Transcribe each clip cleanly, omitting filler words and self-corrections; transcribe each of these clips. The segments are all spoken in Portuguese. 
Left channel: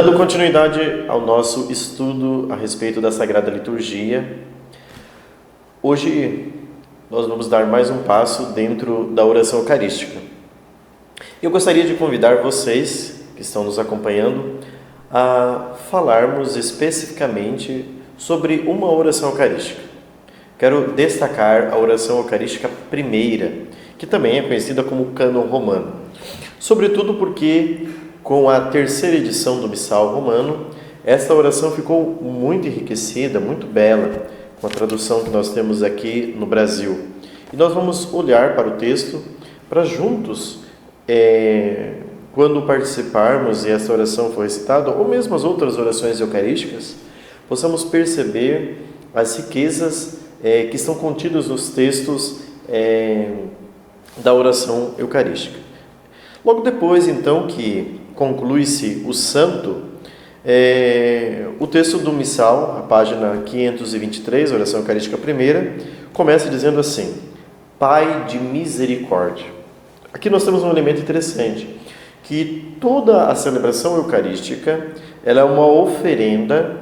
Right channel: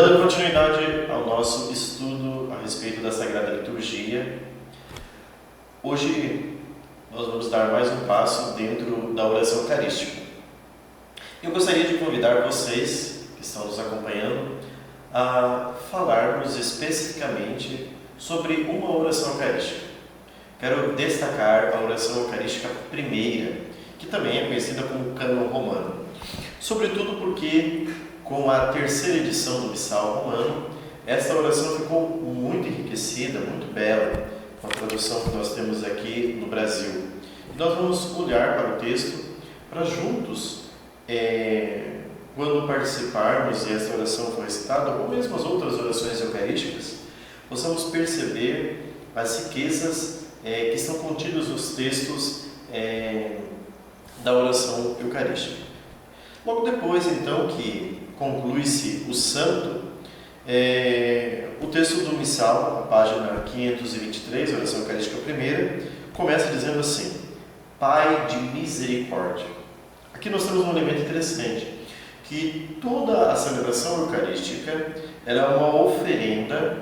Dando continuidade ao nosso estudo a respeito da Sagrada Liturgia, hoje nós vamos dar mais um passo dentro da oração eucarística. Eu gostaria de convidar vocês que estão nos acompanhando a falarmos especificamente sobre uma oração eucarística. Quero destacar a oração eucarística primeira, que também é conhecida como cânon romano, sobretudo porque com a terceira edição do Missal Romano, esta oração ficou muito enriquecida, muito bela, com a tradução que nós temos aqui no Brasil. E nós vamos olhar para o texto, para juntos, quando participarmos e essa oração for recitada, ou mesmo as outras orações eucarísticas, possamos perceber as riquezas que estão contidas nos textos da oração eucarística. Logo depois, então, que conclui-se o santo, o texto do Missal, a página 523, oração eucarística primeira, começa dizendo assim: Pai de misericórdia. Aqui nós temos um elemento interessante, que toda a celebração eucarística ela é uma oferenda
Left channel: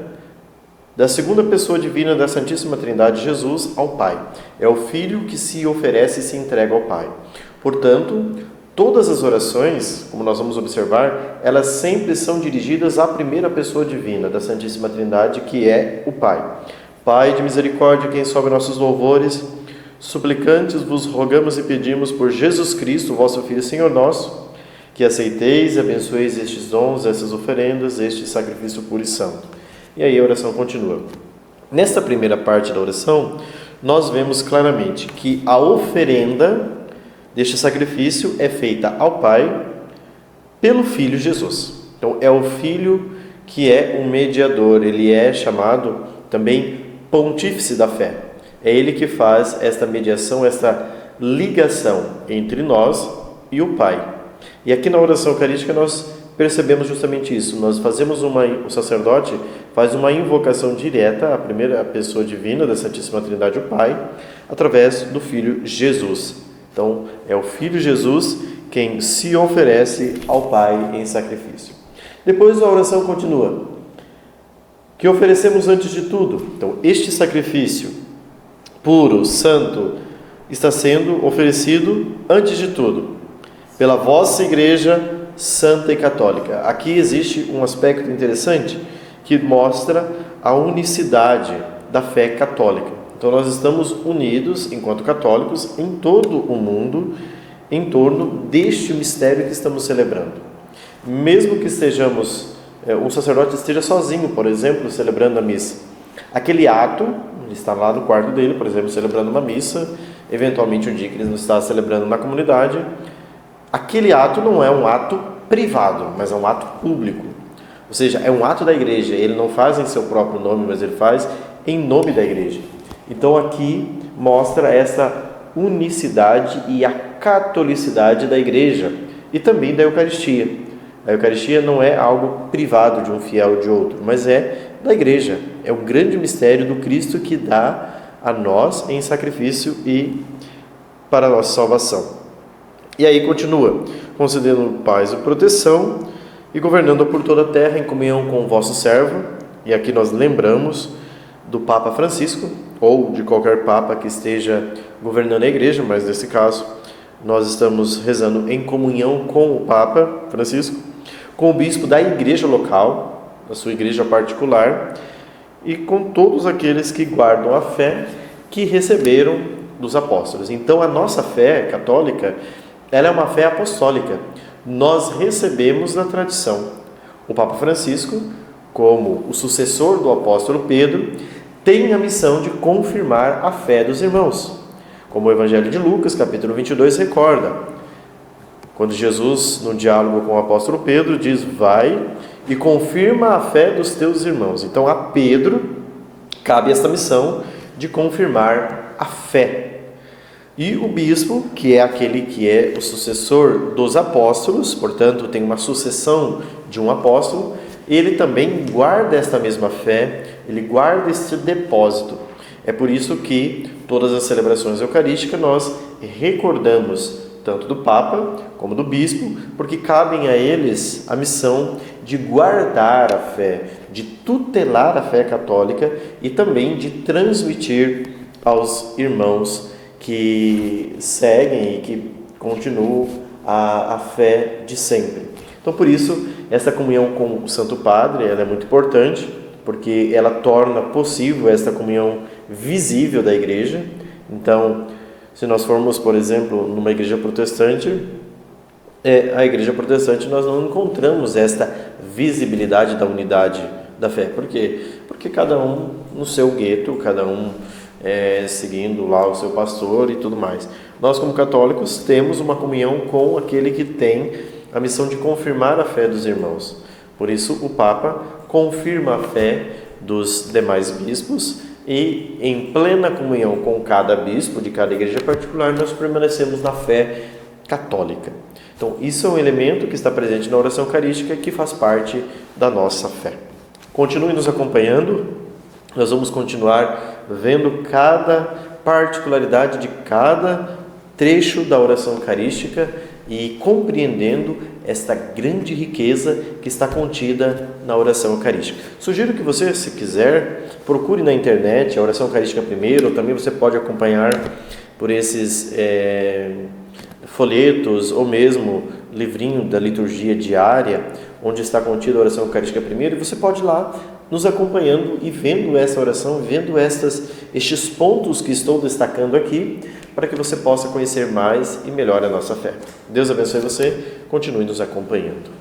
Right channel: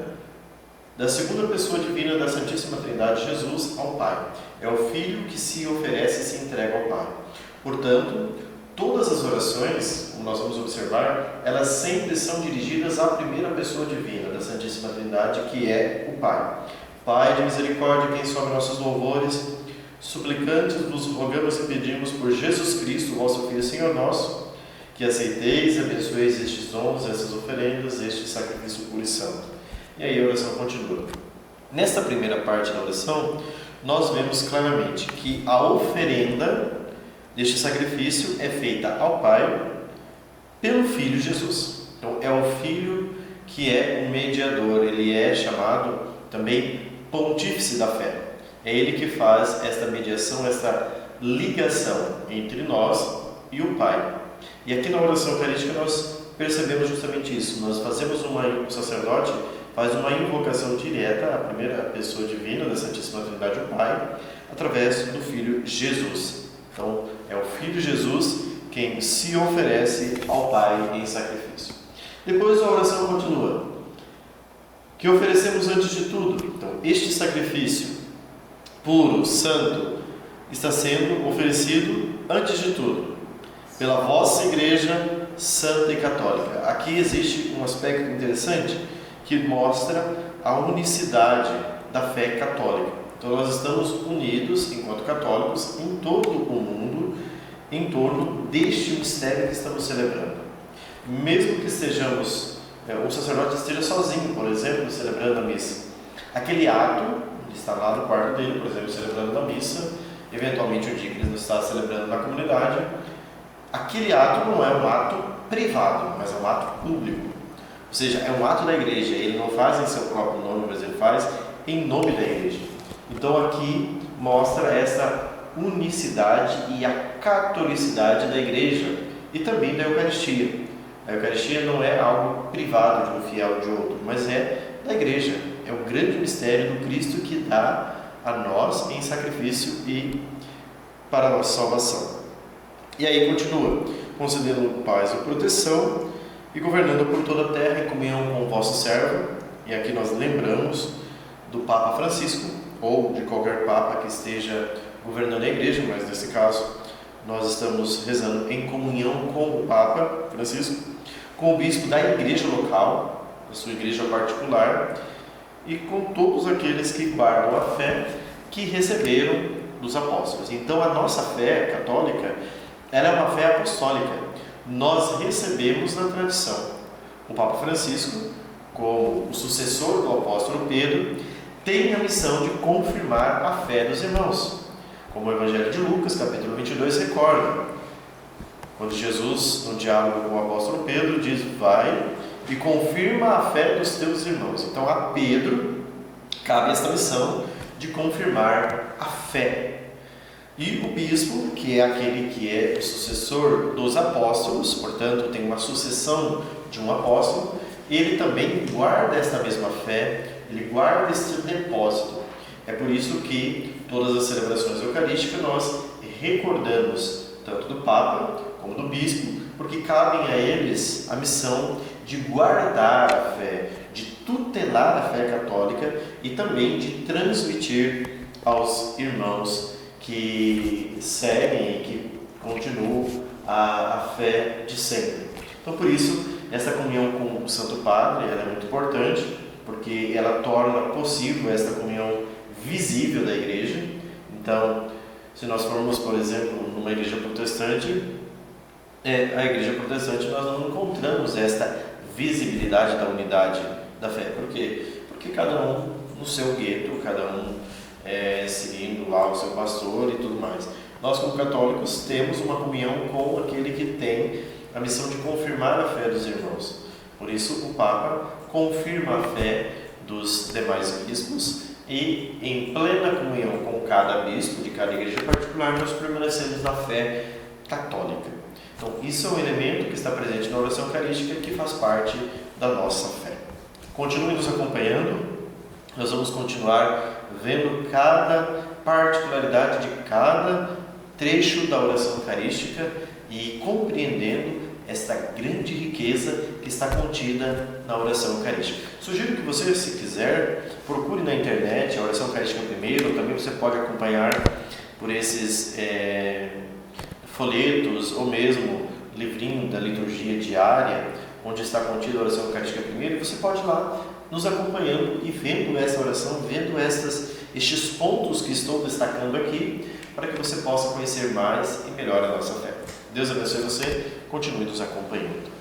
da segunda pessoa divina da Santíssima Trindade, Jesus, ao Pai. É o Filho que se oferece e se entrega ao Pai. Portanto, todas as orações, como nós vamos observar, elas sempre são dirigidas à primeira pessoa divina da Santíssima Trindade, que é o Pai. Pai de misericórdia, quem sobe nossos louvores, suplicantes vos rogamos e pedimos por Jesus Cristo, vosso Filho e Senhor nosso, que aceiteis e abençoeis estes dons, essas oferendas, este sacrifício puro e santo. E aí a oração continua. Nesta primeira parte da oração, nós vemos claramente que a oferenda deste sacrifício é feita ao Pai pelo Filho Jesus. Então, é o Filho que é o mediador, ele é chamado também pontífice da fé. É ele que faz esta mediação, esta ligação entre nós e o Pai. E aqui na oração eucarística nós percebemos justamente isso. Nós fazemos o sacerdote faz uma invocação direta à primeira pessoa divina da Santíssima Trindade, o Pai, através do Filho Jesus. Então, é o Filho Jesus quem se oferece ao Pai em sacrifício. Depois a oração continua. Que oferecemos antes de tudo. Então, este sacrifício puro, santo, está sendo oferecido antes de tudo, pela vossa Igreja Santa e Católica. Aqui existe um aspecto interessante que mostra a unicidade da fé católica. Então, nós estamos unidos, enquanto católicos, em todo o mundo, em torno deste mistério que estamos celebrando. Mesmo que um sacerdote esteja sozinho, por exemplo, celebrando a missa. Aquele ato, ele está lá no quarto dele, por exemplo, celebrando uma missa, eventualmente um dia que ele não está celebrando na comunidade, aquele ato não é um ato privado, mas é um ato público. Ou seja, é um ato da igreja, ele não faz em seu próprio nome, mas ele faz em nome da igreja. Então aqui mostra essa unicidade e a catolicidade da igreja e também da Eucaristia. A Eucaristia não é algo privado de um fiel ou de outro, mas é da igreja. É o grande mistério do Cristo que dá a nós em sacrifício e para a nossa salvação. E aí continua, concedendo paz e proteção e governando por toda a terra em comunhão com o vosso servo. E aqui nós lembramos do Papa Francisco, ou de qualquer Papa que esteja governando a Igreja, mas nesse caso nós estamos rezando em comunhão com o Papa Francisco, com o Bispo da Igreja local, da sua Igreja particular, e com todos aqueles que guardam a fé que receberam dos apóstolos. Então a nossa fé católica, ela é uma fé apostólica. Nós recebemos da tradição. O Papa Francisco, como o sucessor do apóstolo Pedro, tem a missão de confirmar a fé dos irmãos. Como o Evangelho de Lucas, capítulo 22, recorda. Quando Jesus, no diálogo com o apóstolo Pedro, diz: vai e confirma a fé dos teus irmãos. Então a Pedro cabe esta missão de confirmar a fé. E o bispo, que é aquele que é o sucessor dos apóstolos, portanto tem uma sucessão de um apóstolo, ele também guarda esta mesma fé, ele guarda este depósito. É por isso que todas as celebrações eucarísticas nós recordamos tanto do Papa como do Bispo, porque cabem a eles a missão de guardar a fé, de tutelar a fé católica e também de transmitir aos irmãos que seguem e que continuam a fé de sempre. Então, por isso, essa comunhão com o Santo Padre ela é muito importante, porque ela torna possível esta comunhão visível da igreja. Então, se nós formos, por exemplo, numa igreja protestante, a igreja protestante nós não encontramos esta visibilidade da unidade da fé. Por quê? Porque cada um no seu gueto, cada um seguindo lá o seu pastor e tudo mais. Nós, como católicos, temos uma comunhão com aquele que tem a missão de confirmar a fé dos irmãos. Por isso, o Papa confirma a fé dos demais bispos e, em plena comunhão com cada bispo de cada igreja particular, nós permanecemos na fé católica. Então, isso é um elemento que está presente na oração eucarística e que faz parte da nossa fé. Continue nos acompanhando, nós vamos continuar vendo cada particularidade de cada trecho da oração eucarística e compreendendo esta grande riqueza que está contida na oração eucarística. Sugiro que você, se quiser, procure na internet a oração eucarística primeiro, ou também você pode acompanhar por esses folhetos ou mesmo livrinho da liturgia diária, onde está contida a oração eucarística primeiro, e você pode ir lá nos acompanhando e vendo essa oração, vendo estes pontos que estou destacando aqui, para que você possa conhecer mais e melhor a nossa fé. Deus abençoe você, continue nos acompanhando.